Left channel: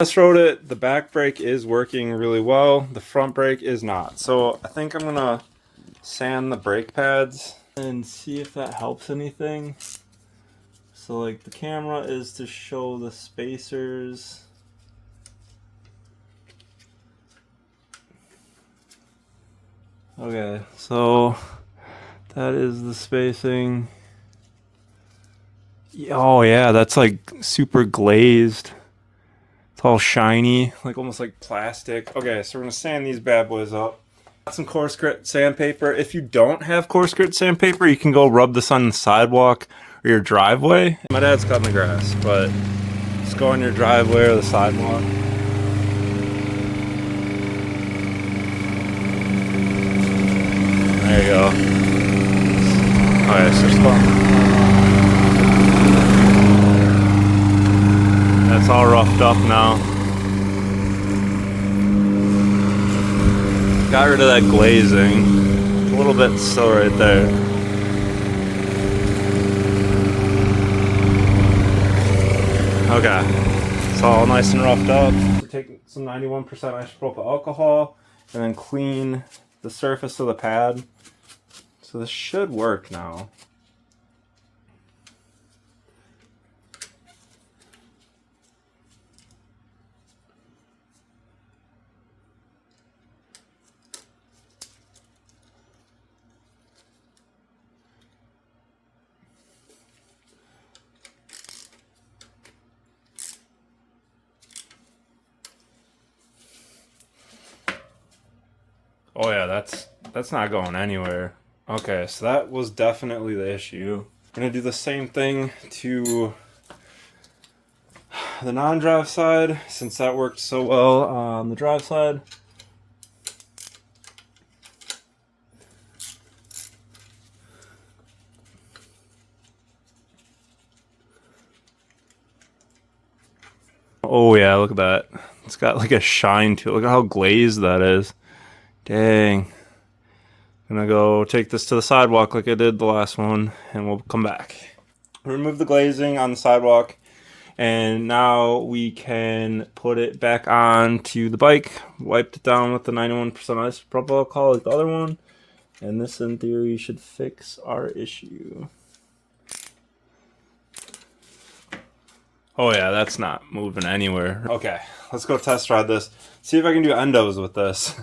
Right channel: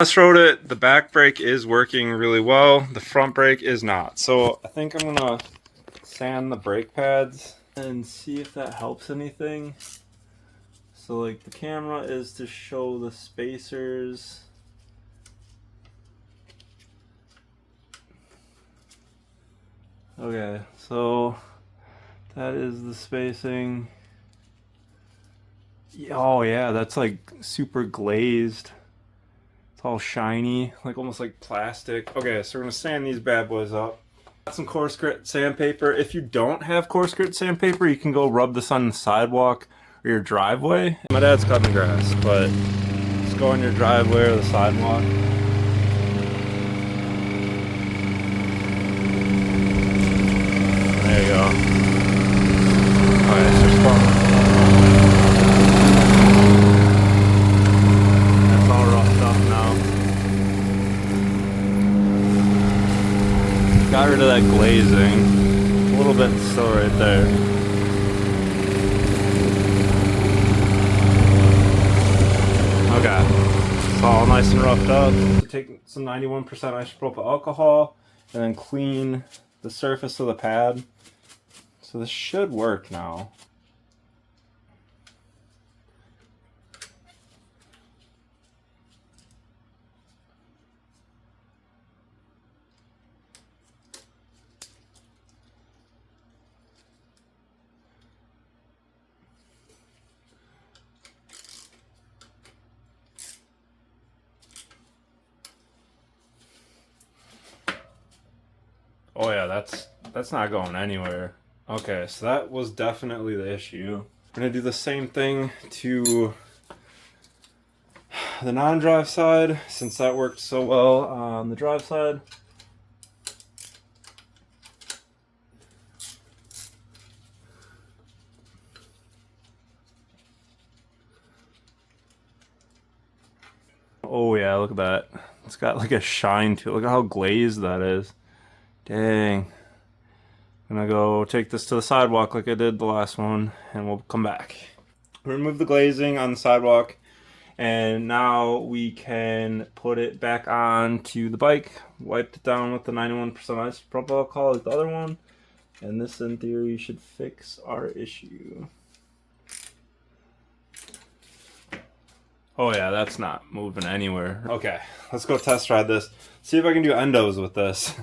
Test rode it. The back brake is working really well. The front brake is not. So I think I'm gonna sand the brake pads and see if that helps anything. So like the camera is to show the spacers. Okay, so that is the spacing. Oh yeah, that's like super glazed. It's all shiny, like almost like plastic. Okay, so we're gonna sand these bad boys up. Got some coarse grit sandpaper. If you don't have coarse grit sandpaper, you can go rub this on the sidewalk or your driveway. My dad's cutting the grass, but just go on your driveway or the sidewalk. There you go. Alright, so just go on the sidewalk. That's all roughed up now. Got rid of that glazing. A little bit still right there. Okay. It's all nice and roughed up. So take some 91% isopropyl alcohol and then clean the surface of the pad. So this should work now. Oh yeah, that's not going anywhere. Okay, so that was definitely the issue. I'm gonna do the same thing to the non-drive side, since that worked so well on the drive side. Oh yeah, look at that. It's got like a shine to it. Look at how glazed that is. Dang. I'm gonna go take this to the sidewalk like I did the last one, and we'll come back. Remove the glazing on the sidewalk, and now we can put it back onto the bike. Wiped it down with the 91% isopropyl alcohol like the other one, and this in theory should fix our issue. Oh yeah, that's not moving anywhere. Okay, let's go test ride this. See if I can do endos with this.